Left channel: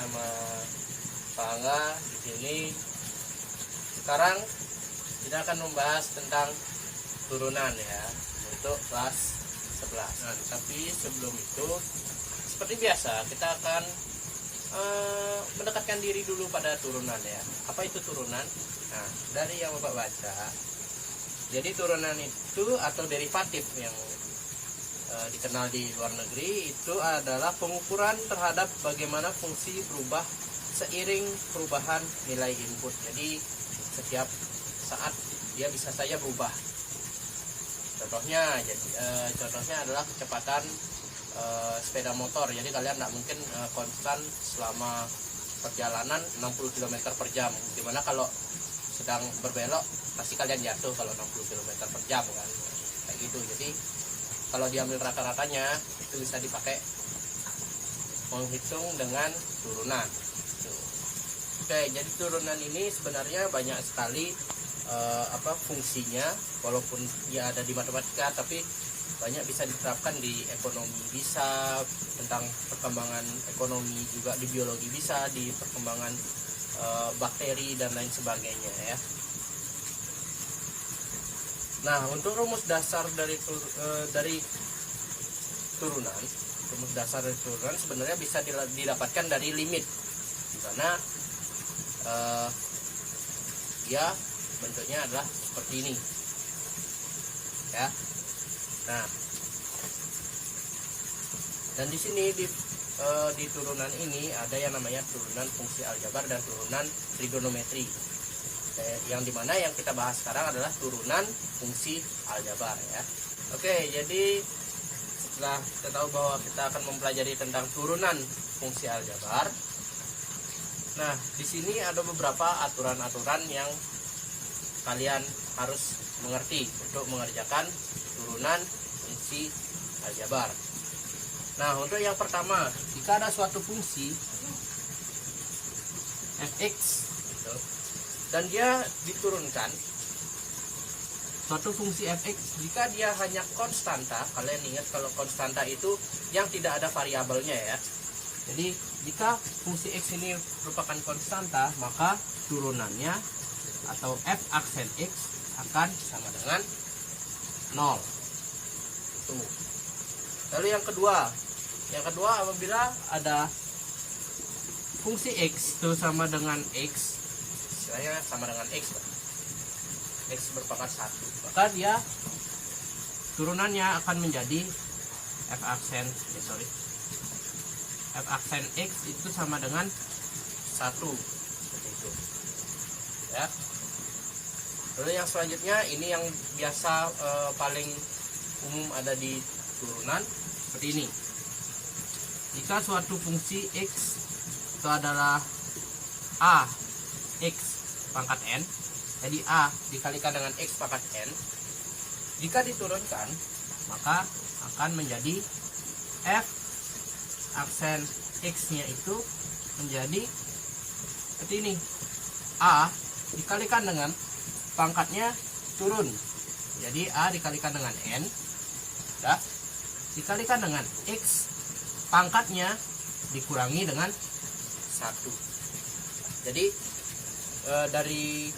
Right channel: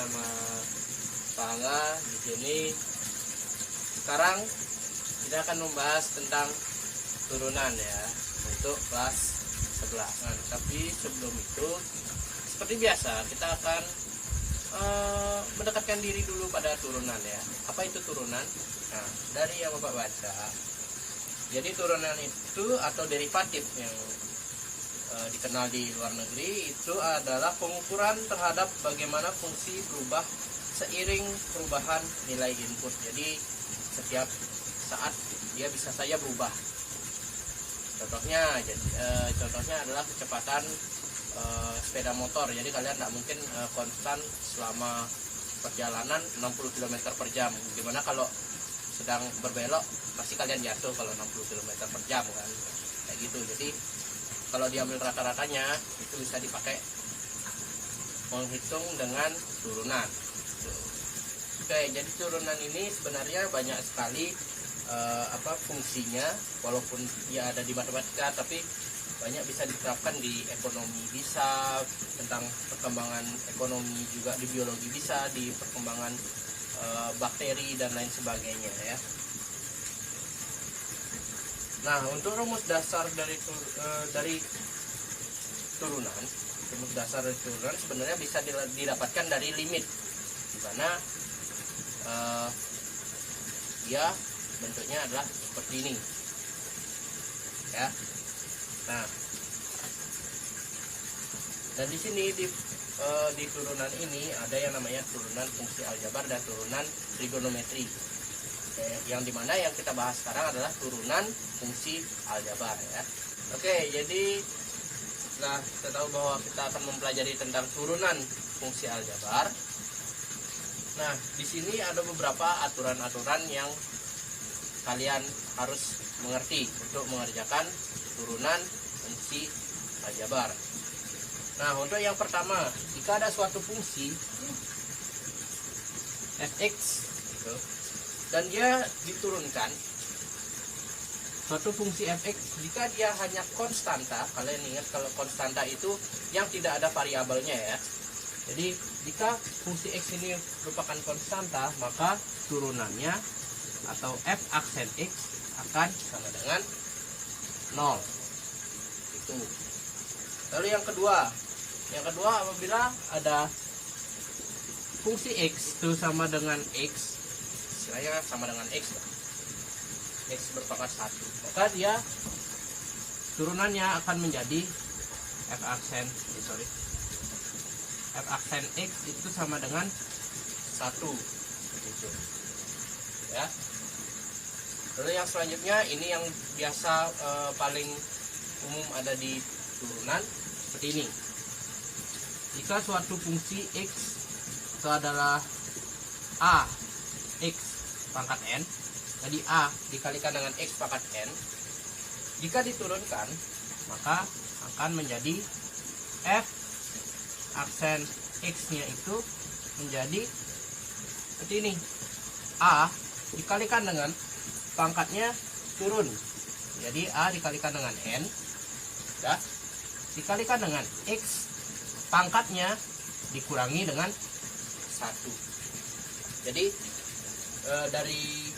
sama Pak Angga di sini. Sekarang kita akan membahas tentang turunan ya untuk kelas 11. Nah, tapi sebelum itu seperti biasa kita akan mendekatkan diri dulu pada turunan ya. Apa itu turunan? Nah, dari yang Bapak baca, jadi turunan itu atau derivatif yang dikenal di luar negeri itu adalah pengukuran terhadap bagaimana fungsi berubah seiring perubahan nilai input. Jadi setiap saat dia bisa saja berubah. Contohnya adalah kecepatan sepeda motor. Jadi kalian tidak mungkin konstan selama perjalanan 60 km per jam. Dimana kalau sedang berbelok pasti kalian jatuh kalau 60 km per jam kan, kayak gitu. Jadi kalau diambil rata-ratanya itu bisa dipakai menghitung dengan turunan. Oke, jadi turunan ini sebenarnya banyak sekali fungsinya, walaupun ya ada di matematika, tapi banyak bisa diterapkan di ekonomi, bisa tentang perkembangan ekonomi, juga di biologi bisa, di perkembangan bakteri dan lain sebagainya ya. Nah, untuk rumus dasar dari turunan, rumus dasar dari turunan sebenarnya bisa didapatkan dari limit, di mana dia bentuknya adalah seperti ini ya. Nah, dan di sini di turunan ini ada yang namanya turunan fungsi aljabar dan turunan trigonometri. Yang dimana yang kita bahas sekarang adalah turunan fungsi aljabar ya. Oke, jadi setelah kita tahu bahwa kita akan mempelajari tentang turunan fungsi aljabar, nah di sini ada beberapa aturan-aturan yang kalian harus mengerti untuk mengerjakan turunan fungsi aljabar. Nah, untuk yang pertama, jika ada suatu fungsi fx gitu, dan dia diturunkan, suatu fungsi fx jika dia hanya konstanta, kalian ingat kalau konstanta itu yang tidak ada variabelnya ya. Jadi jika fungsi x ini merupakan konstanta, maka turunannya atau f aksen x akan sama dengan 0. Itu. Lalu yang kedua apabila ada fungsi x itu sama dengan x, istilahnya sama dengan x berpangkat 1, maka dia turunannya akan menjadi f aksen x itu sama dengan 1, seperti itu ya. Lalu yang selanjutnya, ini yang biasa paling umum ada di turunan, seperti ini. Jika suatu fungsi x itu adalah a x pangkat n, jadi a dikalikan dengan x pangkat n, jika diturunkan maka akan menjadi f aksen x-nya itu menjadi seperti ini. A dikalikan dengan pangkatnya turun, jadi a dikalikan dengan n ya, dikalikan dengan x pangkatnya dikurangi dengan 1. Jadi dari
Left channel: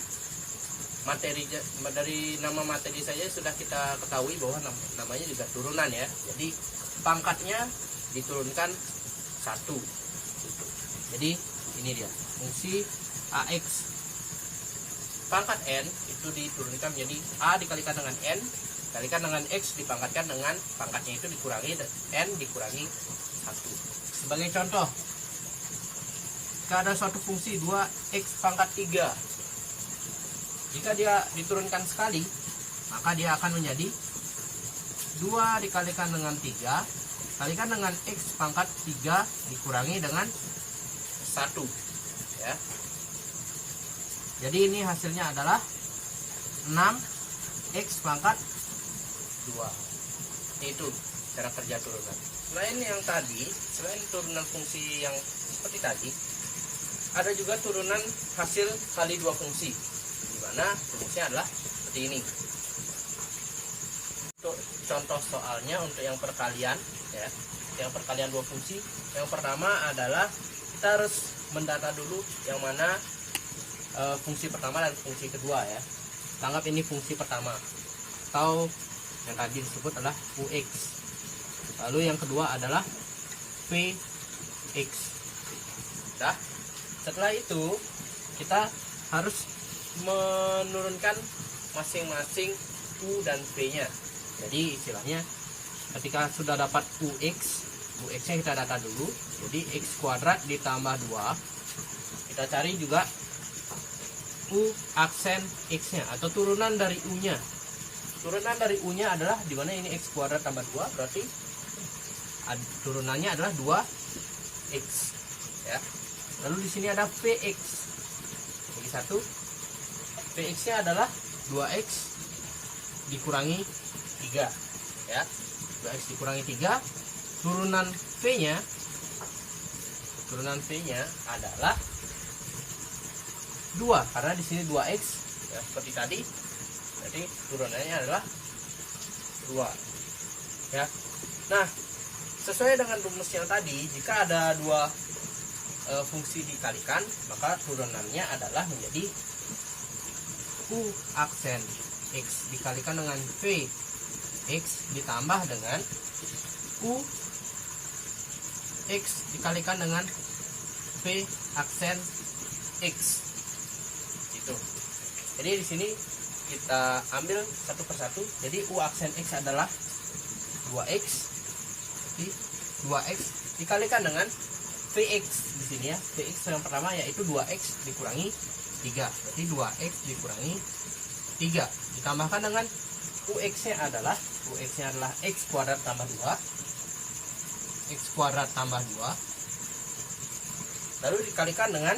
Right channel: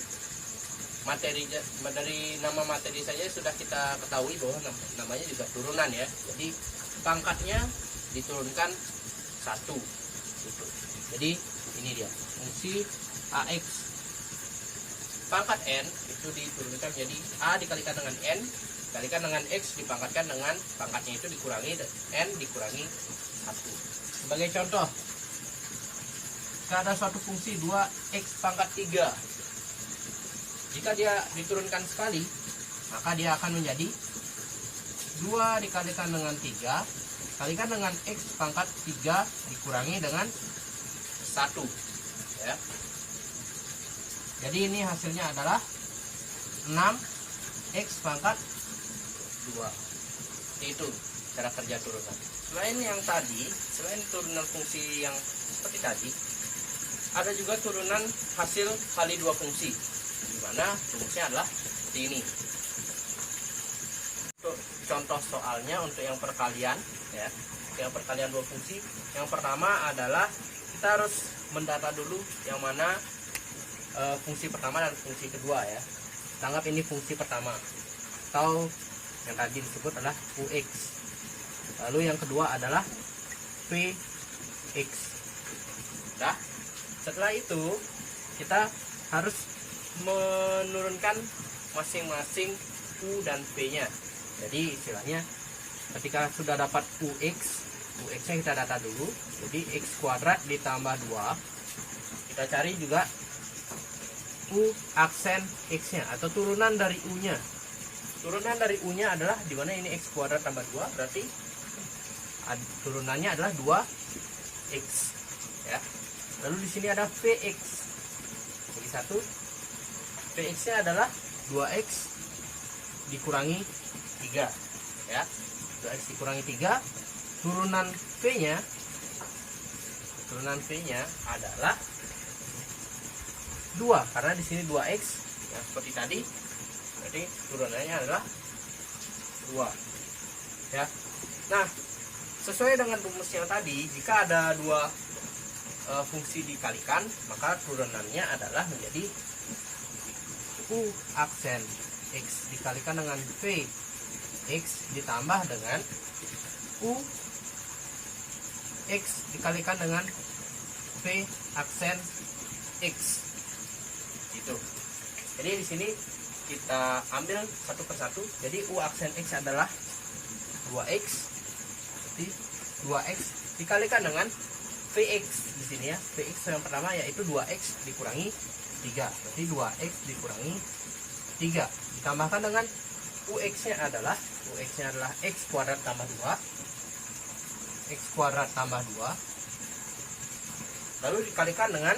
nama materi saja sudah kita ketahui bahwa namanya juga turunan ya. Jadi pangkatnya diturunkan 1 gitu. Jadi ini dia fungsi ax pangkat n itu diturunkan menjadi a dikalikan dengan n dikalikan dengan x dipangkatkan dengan pangkatnya itu dikurangi n dikurangi 1. Sebagai contoh, jika ada suatu fungsi 2x pangkat 3, jika dia diturunkan sekali, maka dia akan menjadi 2 dikalikan dengan 3 kalikan dengan x pangkat 3 dikurangi dengan 1 ya. Jadi ini hasilnya adalah 6x pangkat 2. Itu cara kerja turunan. Selain turunan fungsi yang seperti tadi, ada juga turunan hasil kali 2 fungsi, di mana rumusnya adalah seperti ini. Untuk contoh soalnya, untuk yang perkalian ya, yang perkalian 2 fungsi, yang pertama adalah kita harus mendata dulu yang mana fungsi pertama dan fungsi kedua ya. Anggap ini fungsi pertama atau yang tadi disebut adalah UX. Lalu yang kedua adalah PX. Nah, setelah itu kita harus menurunkan masing-masing U dan V-nya. Jadi istilahnya ketika sudah dapat UX-nya kita data dulu. Jadi X kuadrat ditambah 2. Kita cari juga U aksen X-nya atau turunan dari U-nya. Turunan dari U-nya adalah dimana ini X kuadrat tambah 2, berarti turunannya adalah 2X ya. Lalu di sini ada VX. Bagi 1. VX-nya adalah 2X dikurangi 3 ya. 2X dikurangi 3. Turunan V-nya adalah 2 karena di sini 2X ya, seperti tadi. Jadi turunannya adalah 2 ya. Nah, sesuai dengan rumus yang tadi, jika ada dua fungsi dikalikan, maka turunannya adalah menjadi U aksen X dikalikan dengan V X ditambah dengan U X dikalikan dengan V aksen X. Gitu. Jadi di sini kita ambil satu persatu. Jadi U aksen X adalah 2X. Jadi 2X dikalikan dengan VX di sini ya. VX yang pertama yaitu 2X dikurangi 3. Berarti 2X dikurangi 3 ditambahkan dengan UX-nya adalah X kuadrat tambah 2. X kuadrat tambah 2. Lalu dikalikan dengan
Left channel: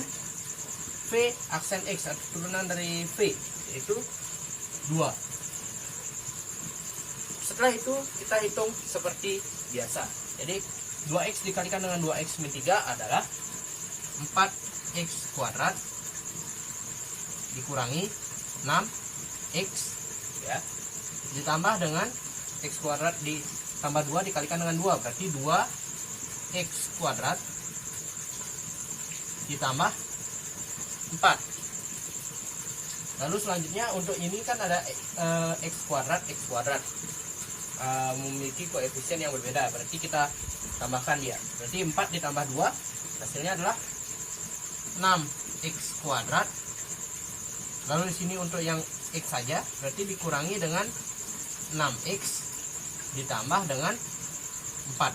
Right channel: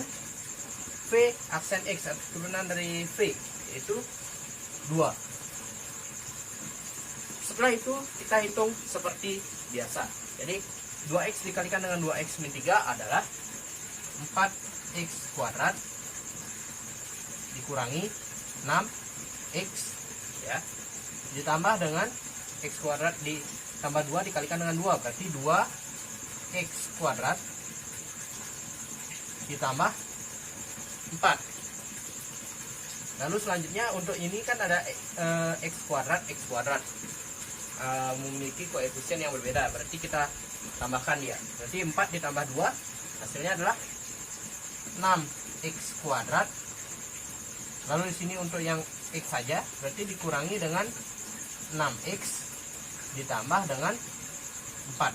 V aksen X atau turunan dari V yaitu 2. Setelah itu kita hitung seperti biasa. Jadi 2X dikalikan dengan 2X min 3 adalah 4X kuadrat dikurangi 6X ya. Ditambah dengan X kuadrat ditambah 2 dikalikan dengan 2 berarti 2X kuadrat ditambah 4. Lalu selanjutnya untuk ini kan ada X kuadrat memiliki koefisien yang berbeda, berarti kita tambahkan dia. Berarti 4 ditambah 2 hasilnya adalah 6X kuadrat. Lalu di sini untuk yang X saja berarti dikurangi dengan 6X ditambah dengan 4.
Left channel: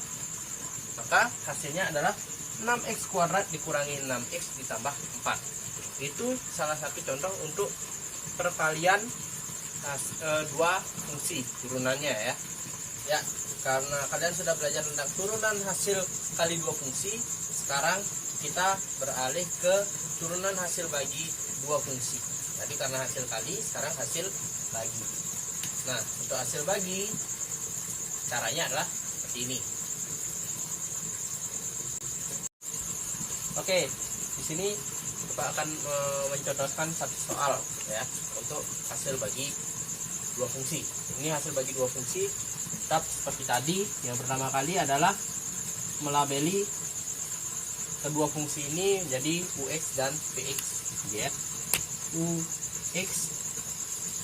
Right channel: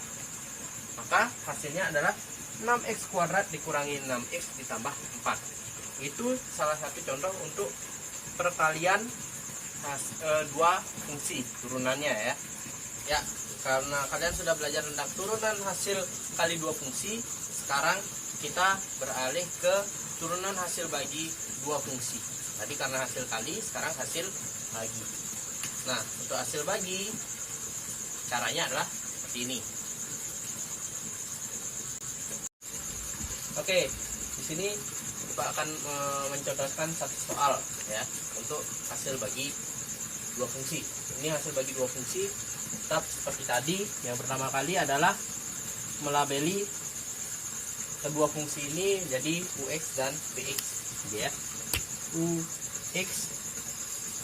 Maka hasilnya adalah 6X kuadrat dikurangi 6X ditambah 4. Itu salah satu contoh untuk perkalian dua fungsi turunannya ya. Ya, karena kalian sudah belajar tentang turunan hasil kali dua fungsi, sekarang kita beralih ke turunan hasil bagi dua fungsi. Tadi karena hasil kali, sekarang hasil bagi. Nah, untuk hasil bagi caranya adalah seperti ini. Oke, di sini Bapak akan mencontohkan satu soal ya untuk hasil bagi dua fungsi. Ini hasil bagi dua fungsi. Tetap seperti tadi, yang pertama kali adalah melabeli kedua fungsi ini jadi UX dan VX ya. UX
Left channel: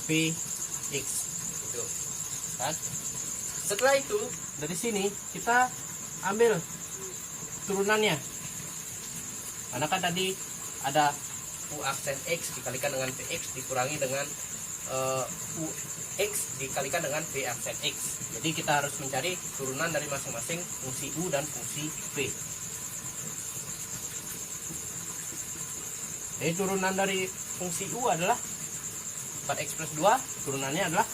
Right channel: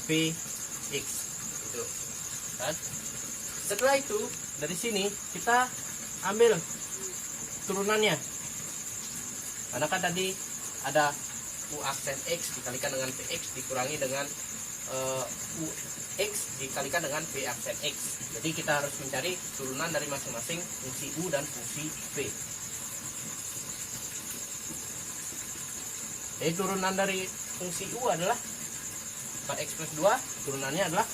VX itu kan. Setelah itu dari sini kita ambil turunannya. Karena kan tadi ada U aksen X dikalikan dengan VX dikurangi dengan UX dikalikan dengan V aksen X. Jadi kita harus mencari turunan dari masing-masing fungsi U dan fungsi V. Jadi turunan dari fungsi U adalah 4X plus 2, turunannya adalah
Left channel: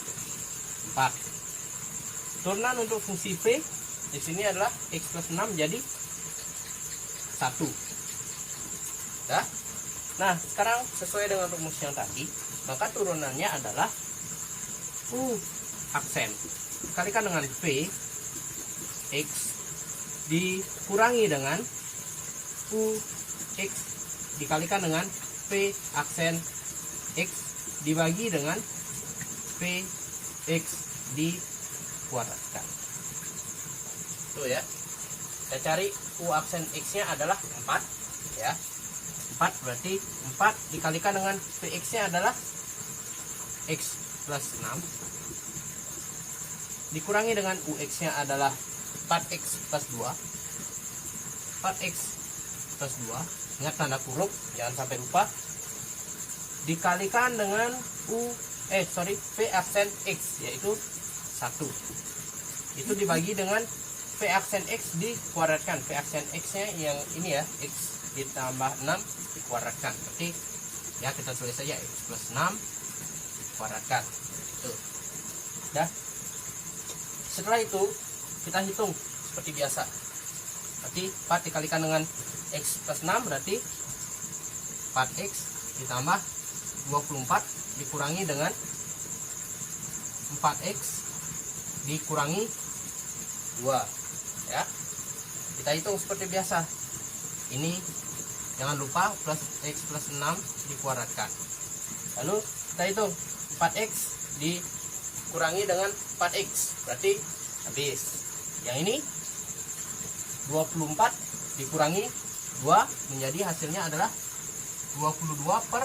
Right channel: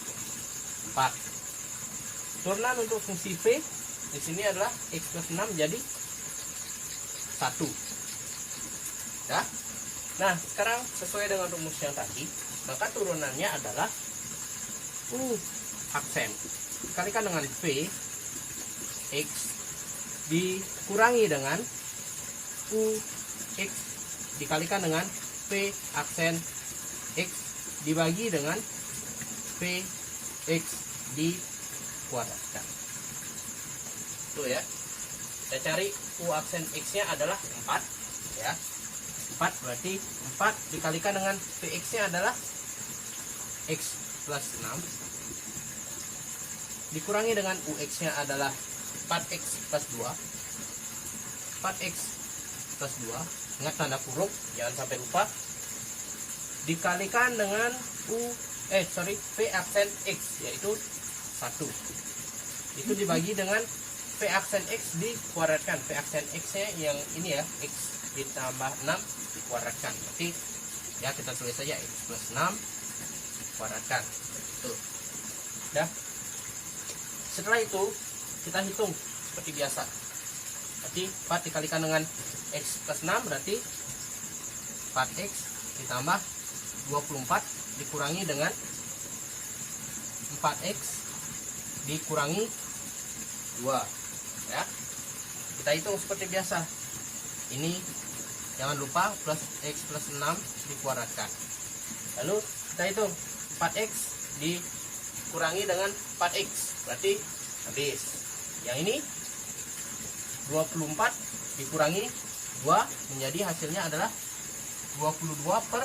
4. Turunan untuk fungsi V di sini adalah X plus 6 jadi 1. Ya. Nah, sekarang sesuai dengan rumus yang tadi, maka turunannya adalah U aksen dikalikan dengan V X dikurangi dengan U X dikalikan dengan V aksen X dibagi dengan V X dikuadratkan. Tuh ya. Kita cari U aksen X-nya adalah 4. ya. 4 berarti 4 dikalikan dengan Vx nya adalah X plus 6 dikurangi dengan Ux nya adalah 4x plus 2. 4x plus 2, ingat tanda kurung, jangan sampai lupa, dikalikan dengan V aksen X, yaitu 1. Itu dibagi dengan V aksen X dikuadratkan. V aksen X nya yang ini ya, X ditambah 6 dikuadratkan. Berarti ya kita tulis saja X plus 6 dikuadratkan. Tuh. Dah. Setelah itu kita hitung seperti biasa. Berarti 4 dikalikan dengan X plus 6 berarti 4x ditambah 24 dikurangi dengan 4x dikurangi 2 ya. Kita hitung seperti biasa. Ini jangan lupa plus x plus 6 dikuadratkan. Lalu kita hitung 4x dikurangi dengan 4x berarti habis. Yang ini 24 dikurangi 2 menjadi hasilnya adalah 22 per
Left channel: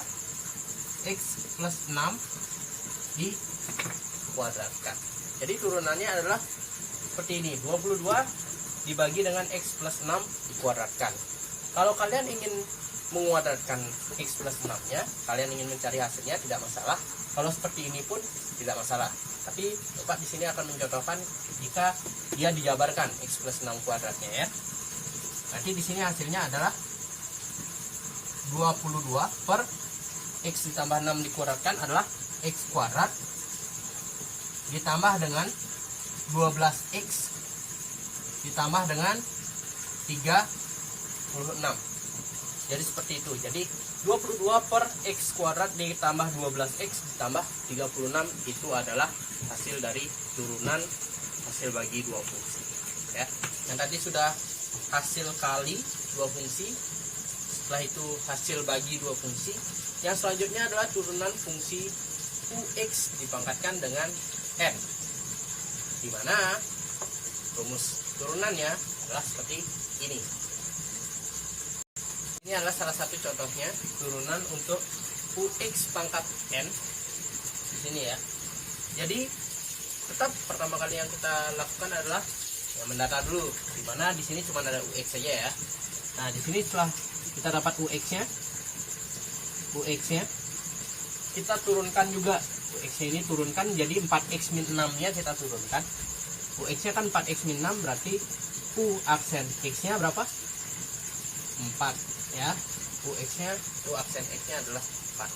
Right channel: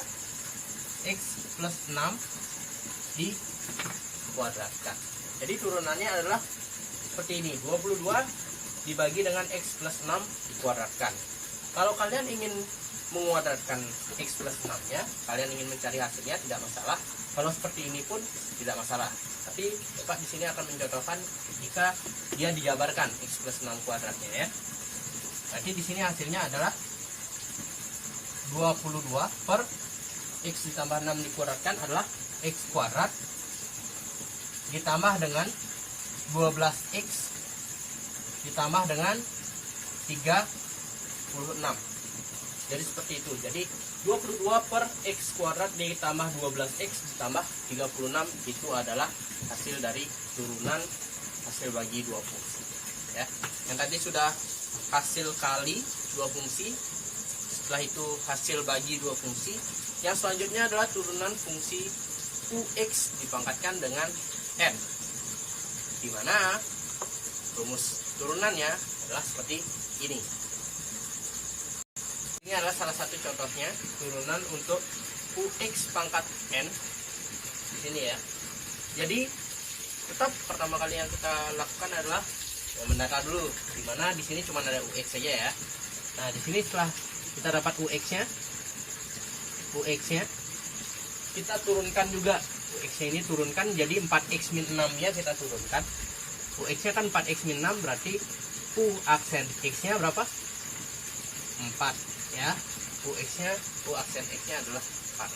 x plus 6 dikuadratkan. Jadi turunannya adalah seperti ini, 22 dibagi dengan x plus 6 dikuadratkan. Kalau kalian ingin menguadratkan x plus 6 nya, kalian ingin mencari hasilnya, tidak masalah. Kalau seperti ini pun tidak masalah. Tapi Bapak di sini akan mencontohkan jika dia dijabarkan x plus 6 kuadratnya ya. Nanti di sini hasilnya adalah 22 per x ditambah 6 dikuadratkan adalah x kuadrat ditambah dengan 12x ditambah dengan 36. Jadi seperti itu. Jadi 22 per x kuadrat ditambah 12x ditambah 36 itu adalah hasil dari turunan hasil bagi dua fungsi ya. Yang tadi sudah hasil kali dua fungsi, setelah itu hasil bagi dua fungsi. Yang selanjutnya adalah turunan fungsi ux dipangkatkan dengan n, di mana rumus turunannya adalah seperti ini. Ini adalah salah satu contohnya turunan untuk ux pangkat n di sini ya. Jadi tetap pertama kali yang kita lakukan adalah mendata dulu, di mana di sini cuma ada ux saja ya. Nah di sini setelah kita dapat ux-nya, kita turunkan juga ux-nya ini turunkan jadi 4x min 6-nya kita turunkan. Ux-nya kan 4x min 6 berarti u aksen x-nya berapa? 4 ya. U aksen x-nya adalah 4.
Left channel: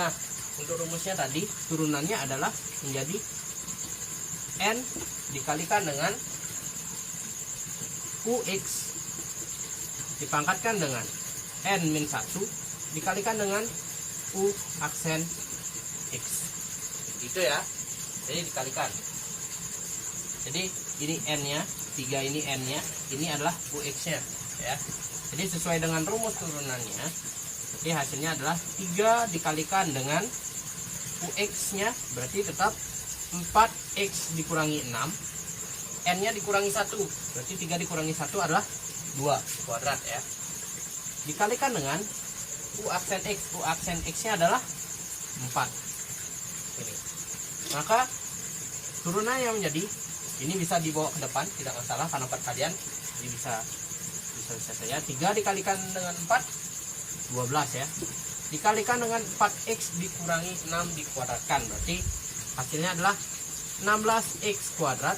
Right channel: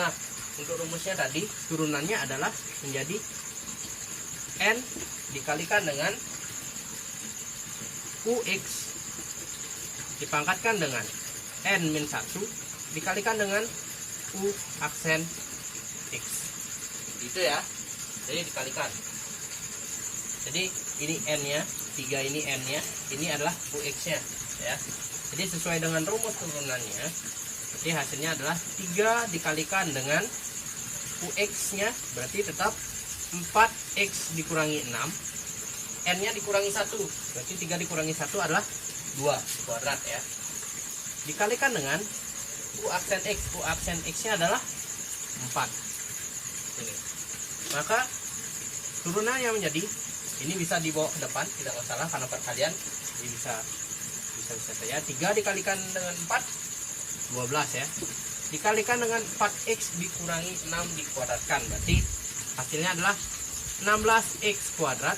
Nah, untuk rumusnya tadi turunannya adalah menjadi n dikalikan dengan ux dipangkatkan dengan n min 1 dikalikan dengan u aksen x. Itu ya. Jadi dikalikan. Jadi ini n-nya, 3 ini n-nya, ini adalah ux-nya ya. Jadi sesuai dengan rumus turunannya, jadi hasilnya adalah 3 dikalikan dengan ux-nya berarti tetap 4x dikurangi 6, n-nya dikurangi 1, berarti 3 dikurangi 1 adalah 2 kuadrat ya. Dikalikan dengan u aksen x-nya adalah 4. Ini. Maka turunannya menjadi, ini bisa dibawa ke depan, tidak masalah karena perkalian, ini bisa saja. 3 dikalikan dengan 4, 12 ya. Dikalikan dengan 4x dikurangi 6 dikuadratkan, berarti hasilnya adalah 16x kuadrat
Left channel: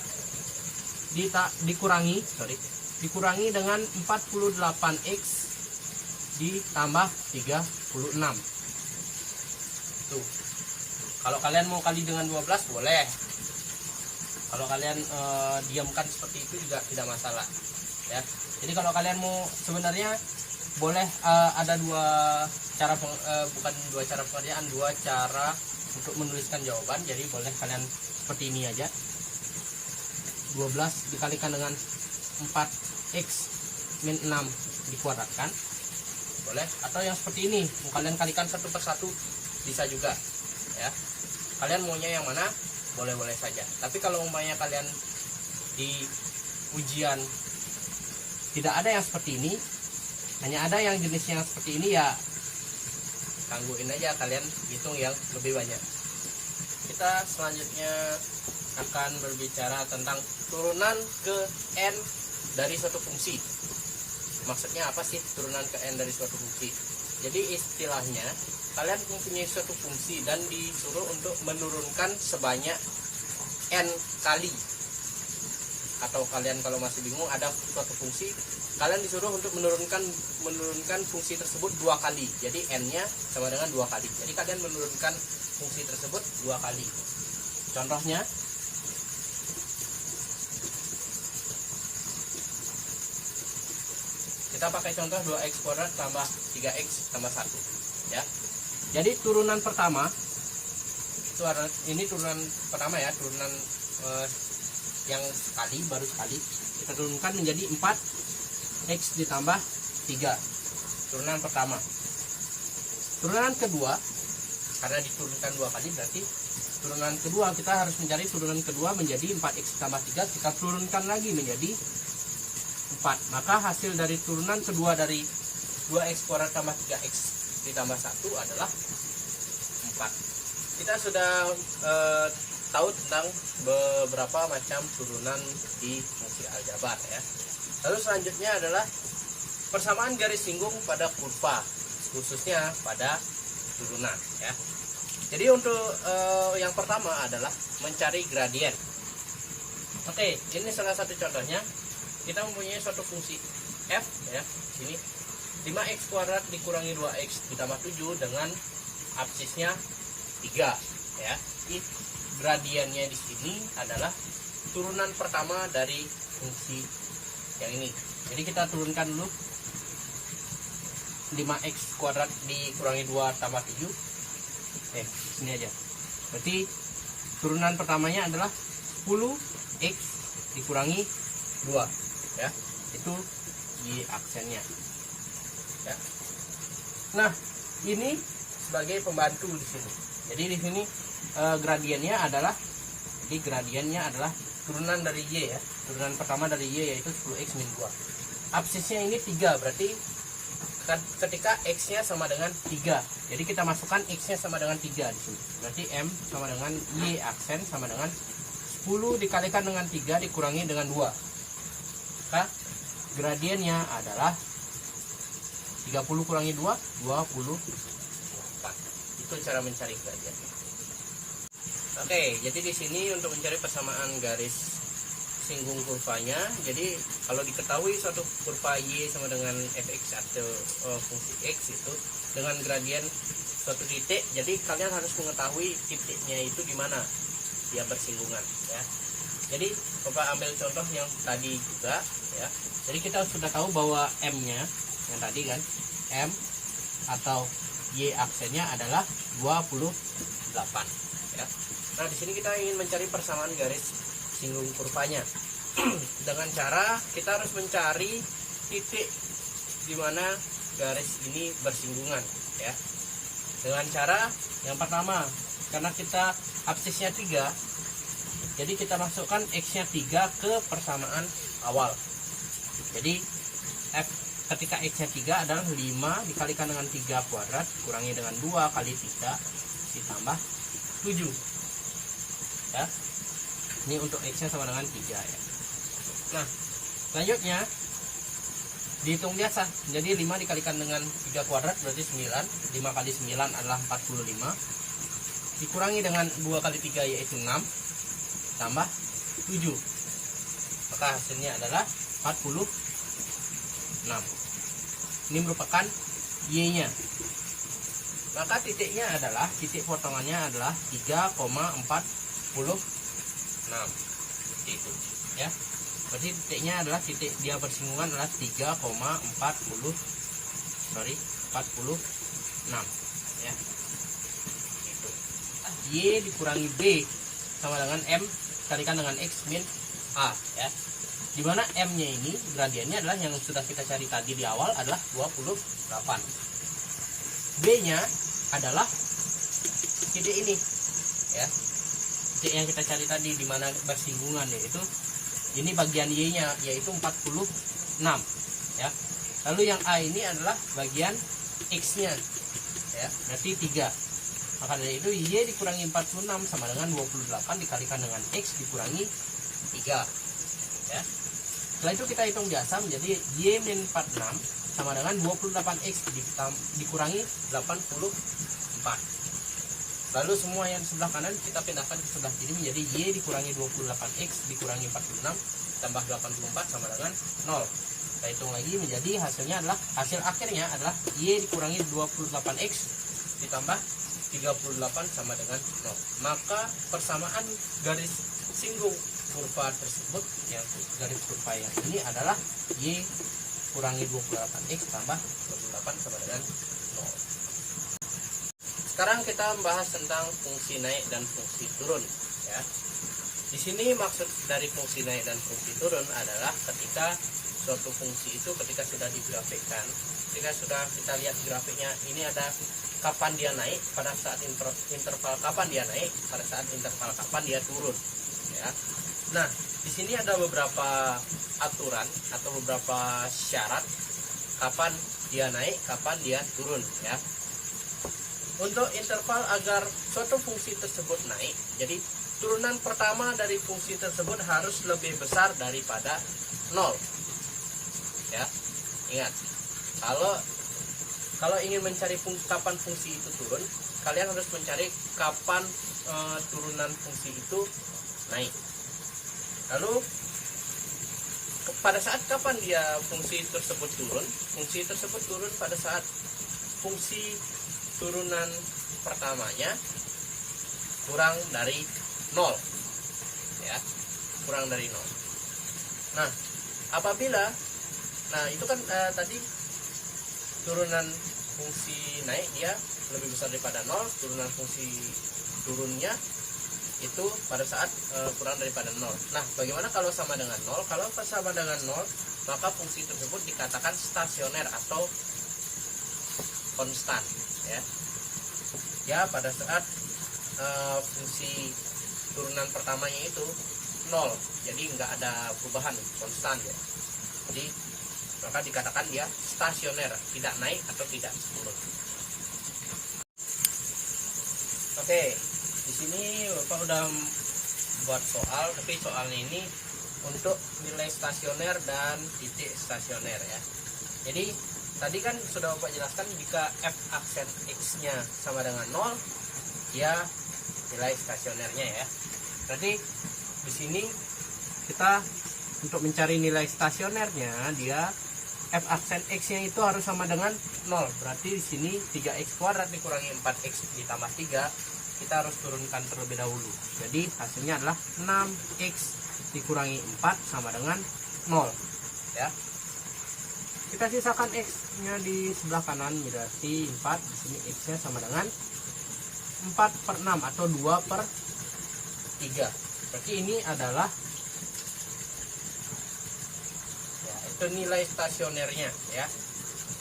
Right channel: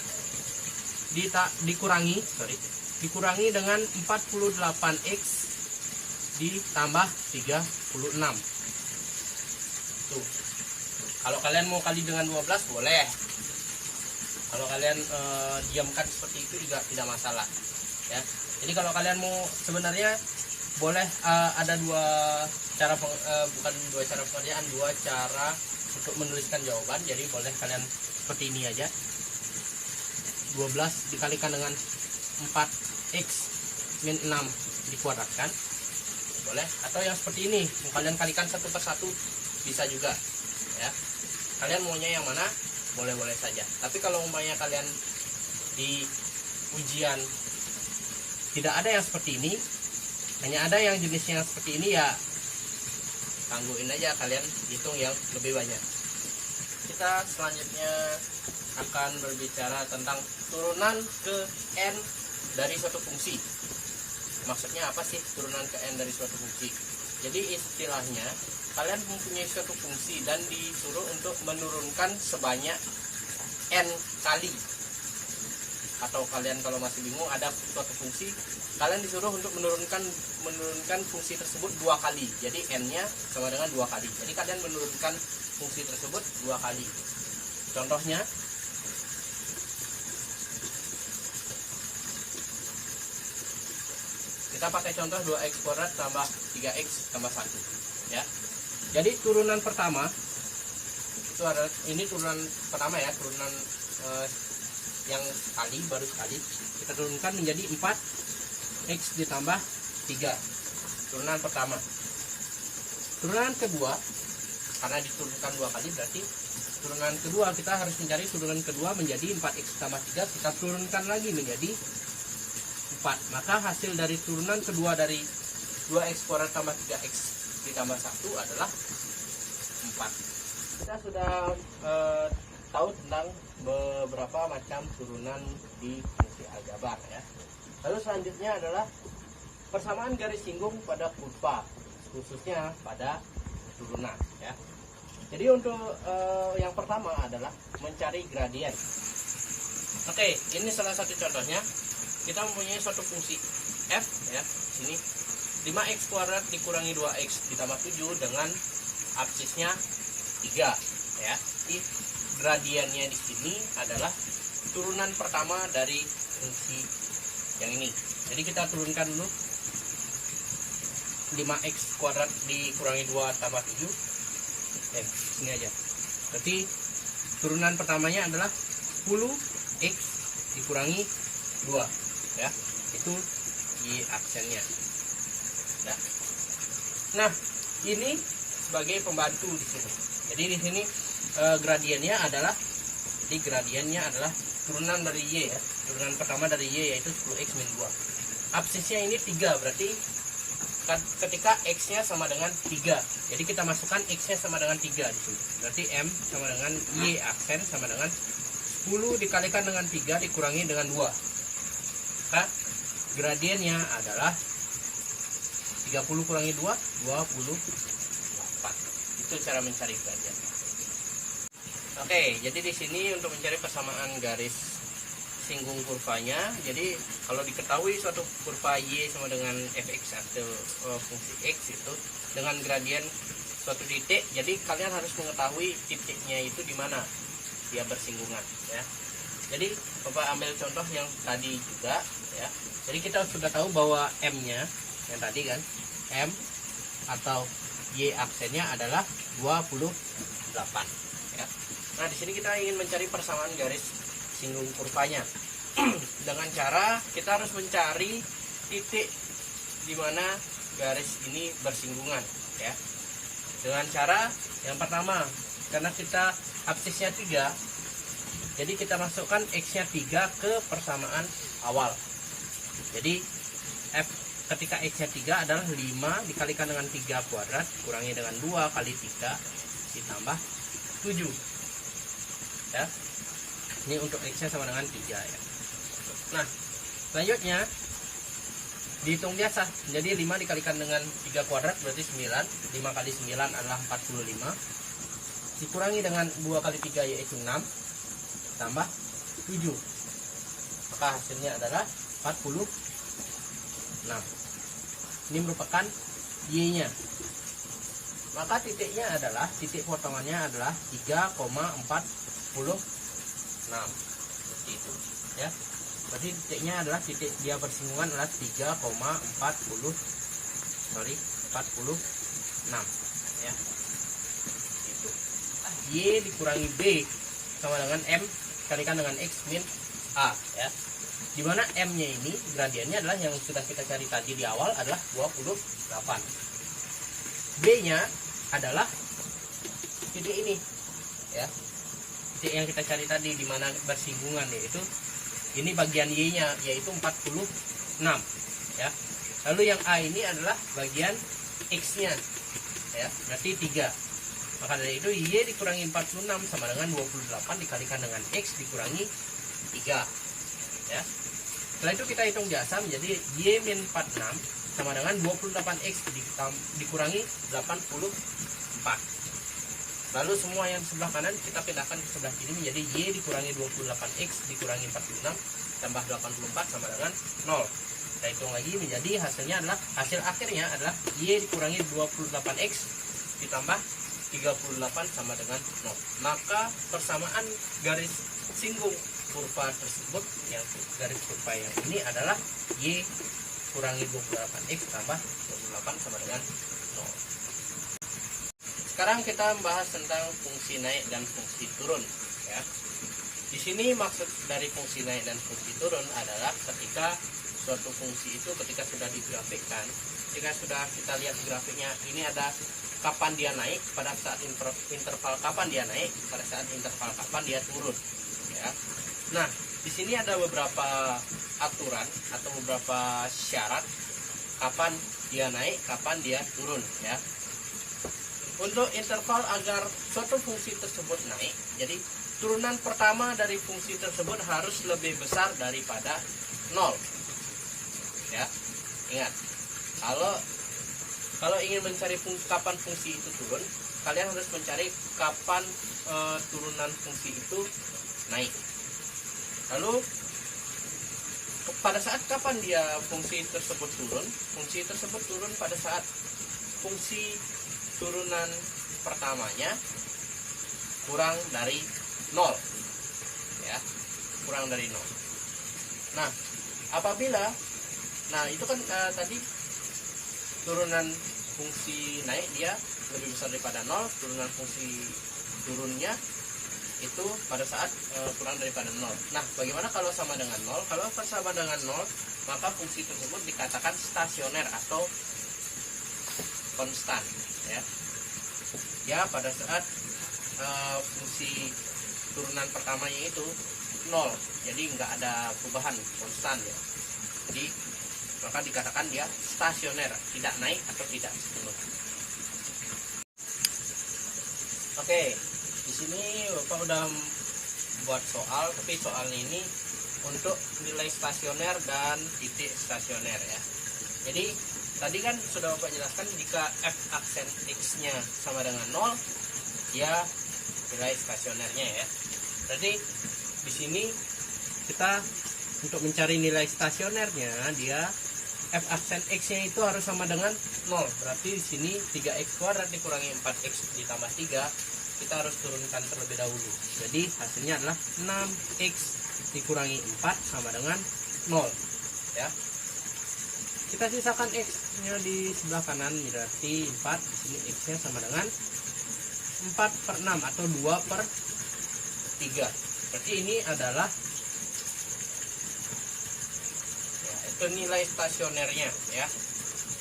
dikurangi dengan 48x ditambah 36. Tuh. Kalau kalian mau kali dengan 12 boleh. Kalau kalian diamkan seperti itu juga tidak masalah ya. Jadi kalau kalian mau, sebenarnya boleh ada dua cara bukan dua cara pengerjaan, dua cara untuk menuliskan jawaban. Jadi boleh kalian seperti ini aja, 12 dikalikan dengan 4x min 6 dikuadratkan boleh, atau yang seperti ini mau kalian kalikan satu per satu bisa juga ya. Kalian maunya yang mana boleh-boleh saja. Tapi kalau umpamanya kalian di ujian tidak ada yang seperti ini, Hanya ada yang jenisnya seperti ini ya, tangguhin aja, kalian hitung yang lebih banyak. Kita selanjutnya akan berbicara tentang turunan ke n dari suatu fungsi. Maksudnya apa sih turunan ke n dari suatu fungsi? Jadi istilahnya kalian mempunyai suatu fungsi dan disuruh untuk menurunkan sebanyak n kali. Atau kalian kalau masih bingung, ada suatu fungsi, kalian disuruh untuk menurunkan fungsi tersebut 2 kali. Jadi n-nya sama dengan 2 kali. Jadi kalian menurunkan fungsi tersebut 2 kali. Contohnya, kita pakai contoh 2x kuadrat tambah 3x tambah 1 ya. Jadi turunan pertama itu adalah, ini turunan pertama ya, turunan yang baru sekali kita turunkan menjadi 4x ditambah 3, turunan pertama. Turunan kedua, karena diturunkan 2 kali, berarti turunan kedua kita harus mencari turunan kedua menjadi 4x tambah 3, kita turunkan lagi menjadi 4. Maka hasil dari turunan kedua dari 2x kuadrat tambah 3x ditambah 1 adalah 4. Kita sudah tahu tentang beberapa macam turunan di fungsi aljabar ya. Lalu selanjutnya adalah persamaan garis singgung pada kurva, khususnya pada turunan ya. Jadi untuk yang pertama adalah mencari gradien. Oke, ini salah satu contohnya. Kita mempunyai suatu fungsi f ya, sini 5x kuadrat dikurangi 2x ditambah 7 dengan absisnya 3 ya. Di gradiennya di sini adalah turunan pertama dari fungsi yang ini. Jadi kita turunkan dulu 5x kuadrat dikurangi 2 tambah 7. Sini aja. Berarti turunan pertamanya adalah 10x dikurangi 2 ya. Itu y aksennya. Ya. Nah, ini sebagai pembantu di sini. Jadi di sini gradiennya adalah turunan dari y ya. Turunan pertama dari y yaitu 10x min 2. Absisnya ini 3, berarti ketika x-nya sama dengan 3. Jadi kita masukkan x-nya sama dengan 3 di sini. Berarti m sama dengan y aksen sama dengan 10 dikalikan dengan 3 dikurangi dengan 2. Maka gradiennya adalah 30 kurangi 2, 28. Itu cara mencari gradien. Oke, jadi di sini untuk mencari persamaan garis singgung kurvanya. Jadi kalau diketahui suatu kurva y sama dengan fx atau fungsi x itu dengan gradien suatu titik, jadi kalian harus mengetahui titiknya itu di mana dia bersinggungan ya. Jadi Bapak ambil contoh yang tadi juga ya. Jadi kita sudah tahu bahwa m-nya yang tadi kan, m atau y aksennya adalah 28 ya. Nah, di sini kita ingin mencari persamaan garis singgung kurvanya. Dengan cara kita harus mencari titik di mana garis ini bersinggungan ya. Dengan cara yang pertama, karena kita absisnya 3, jadi kita masukkan x-nya 3 ke persamaan awal. Jadi f ketika x-nya 3 adalah 5 dikalikan dengan 3 kuadrat kurangi dengan 2 kali 3 ditambah 7 ya. Ini untuk x-nya sama dengan 3 ya. Nah, selanjutnya dihitung biasa. Jadi 5 dikalikan dengan 3 kuadrat berarti 9. 5 kali 9 adalah 45. Dikurangi dengan 2 kali 3 yaitu 6 tambah 7. Maka hasilnya adalah 46. Ini merupakan y-nya. Maka titiknya adalah, titik potongannya adalah 3,46. Seperti itu ya. Berarti titiknya adalah titik dia bersinggungan adalah 46 ya. Itu. Y dikurangi B sama dengan M kalikan dengan X min A ya. Dimana M-nya ini gradiennya adalah yang sudah kita cari tadi di awal adalah 28. B-nya adalah titik ini ya. Titik yang kita cari tadi di mana bersinggungan, yaitu ini bagian Y-nya yaitu 46 ya. Lalu yang A ini adalah bagian X-nya, ya, berarti 3. Maka dari itu Y dikurangi 46 sama dengan 28 dikalikan dengan X dikurangi 3, ya. Setelah itu kita hitung biasa menjadi Y min 46 sama dengan 28X dikurangi 84. Lalu semua yang sebelah kanan kita pindahkan ke sebelah kiri menjadi Y dikurangi 28X dikurangi 46 tambah 84 sama dengan 0. Kita hitung lagi menjadi hasilnya adalah, hasil akhirnya adalah Y dikurangi 28X ditambah 38 sama dengan 0. Maka persamaan garis singgung kurva tersebut, yang garis kurva yang ini adalah Y kurangi 28X tambah 28 sama dengan 0. Sekarang kita membahas tentang fungsi naik dan fungsi turun, ya. Di sini maksud dari fungsi naik dan fungsi turun adalah ketika suatu fungsi itu ketika sudah digrafikkan, ketika sudah kita lihat grafiknya, ini ada kapan dia naik, pada saat interval kapan dia naik, pada saat interval kapan dia turun, ya. Nah, di sini ada beberapa aturan atau beberapa syarat kapan dia naik, kapan dia turun, ya. Untuk interval agar suatu fungsi tersebut naik, jadi turunan pertama dari fungsi tersebut harus lebih besar daripada 0. Ya, ingat, kalau ingin mencari kapan fungsi itu turun, kalian harus mencari kapan turunan fungsi itu naik. Lalu pada saat kapan dia fungsi tersebut turun? Fungsi tersebut turun pada saat fungsi turunan pertamanya kurang dari 0, ya, kurang dari 0. Nah, apabila, nah itu kan tadi turunan fungsi naik dia lebih besar daripada 0, turunan fungsi turunnya itu pada saat kurang daripada 0. Nah, bagaimana kalau sama dengan 0? Kalau sama dengan 0, maka fungsi tersebut dikatakan stasioner atau konstan, ya. Ya, pada saat fungsi turunan pertamanya itu 0, jadi nggak ada perubahan, konstan, ya. Jadi maka dikatakan dia stasioner, tidak naik atau tidak turun. Oke, di sini Bapak udah buat soal, tapi soalnya ini untuk nilai stasioner dan titik stasioner, ya. Jadi tadi kan sudah Bapak jelaskan, jika f aksen x-nya sama dengan 0, ya nilai stasionernya, ya. Berarti di sini kita untuk mencari nilai stasionernya, dia f aksen x-nya itu harus sama dengan 0. Berarti di sini 3x kuadrat dikurangi 4x ditambah 3, kita harus turunkan terlebih dahulu. Jadi hasilnya adalah 6x dikurangi 4 sama dengan 0, ya. Kita sisakan x-nya di sebelah kanan, berarti 4. Di sini x-nya sama dengan 4/6 atau 2/3. Berarti ini adalah, ya, itu nilai stasionernya, ya.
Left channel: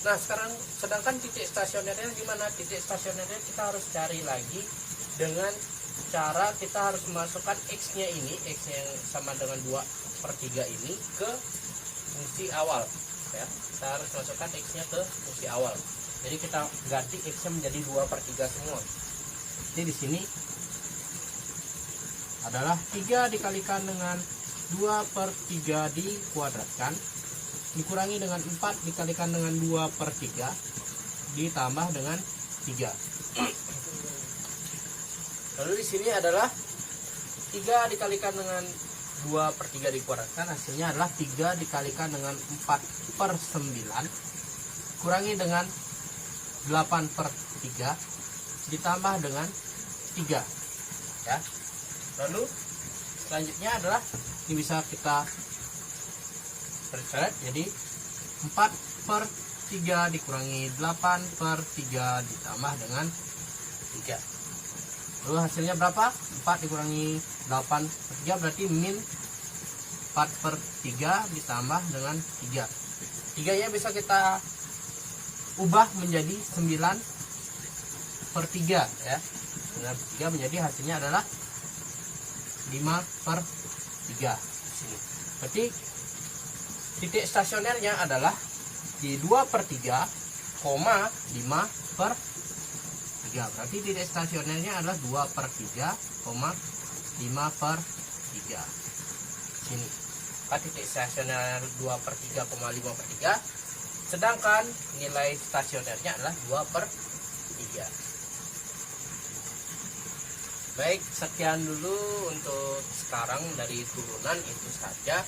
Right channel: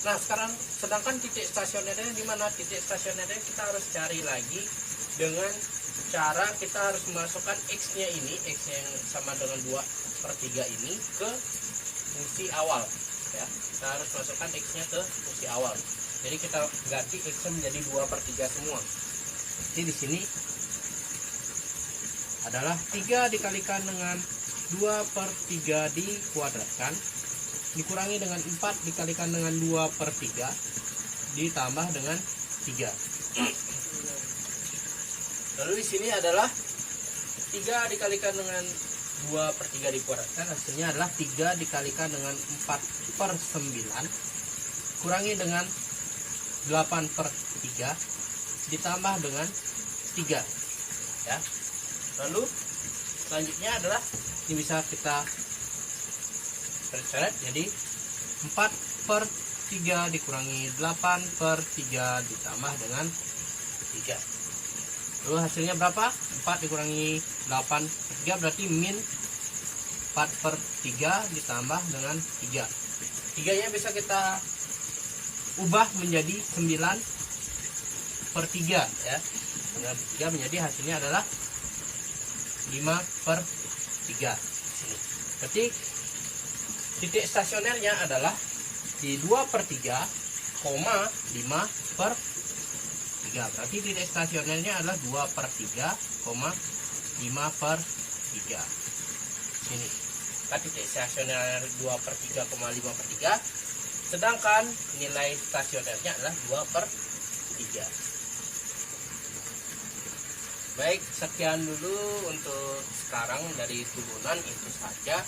Nah, sekarang sedangkan titik stasionernya di mana? Titik stasionernya kita harus cari lagi dengan cara kita harus memasukkan x-nya ini, x-nya yang sama dengan 2/3 ini ke fungsi awal, ya. Kita harus masukkan x-nya ke fungsi awal. Jadi kita ganti x-nya menjadi 2/3 semua. Jadi di sini adalah 3 dikalikan dengan 2/3 dikuadratkan dikurangi dengan 4 dikalikan dengan 2/3 ditambah dengan 3. Lalu di sini adalah 3 dikalikan dengan 2/3 dikuadratkan, hasilnya adalah 3 dikalikan dengan 4/9 kurangi dengan 8/3 ditambah dengan 3, ya. Lalu selanjutnya adalah ini bisa kita percoret, jadi 4/3 dikurangi 8/3 ditambah dengan 3. Lalu hasilnya berapa? 4 dikurangi 8/3 berarti min 4/3 ditambah dengan 3. 3 nya bisa kita ubah menjadi 9/3, ya. 9/3 menjadi hasilnya adalah 5/3 sini. Berarti titik stasionernya adalah Jadi 2/3,5/3. Berarti titik stasionernya adalah 2/3,5/3. Sini. Kan titik stasioner 2/3,5/3. Sedangkan nilai stasionernya adalah 2/3. Baik, sekian dulu untuk sekarang dari turunan itu saja.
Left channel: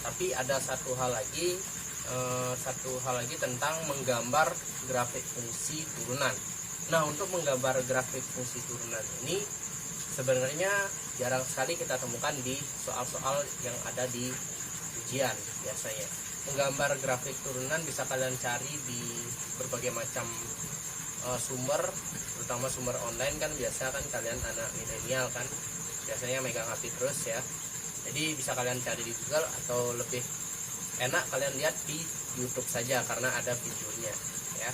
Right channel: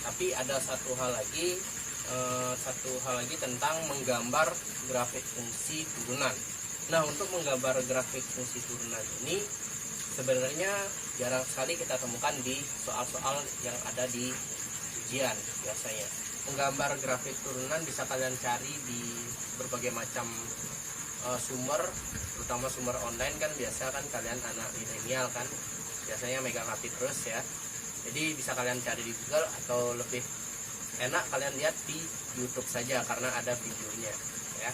Tapi ada satu hal lagi tentang menggambar grafik fungsi turunan. Nah, untuk menggambar grafik fungsi turunan ini sebenarnya jarang sekali kita temukan di soal-soal yang ada di ujian biasanya. Menggambar grafik turunan bisa kalian cari di berbagai macam sumber, terutama sumber online kan. Biasa kan kalian anak milenial kan biasanya megang HP terus ya. Jadi bisa kalian cari di Google, atau lebih enak kalian lihat di YouTube saja karena ada videonya ya.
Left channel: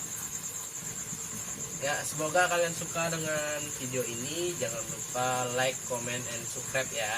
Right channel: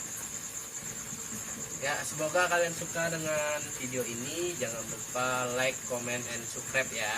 Ya, semoga kalian suka dengan video ini. Jangan lupa like, comment, and subscribe ya.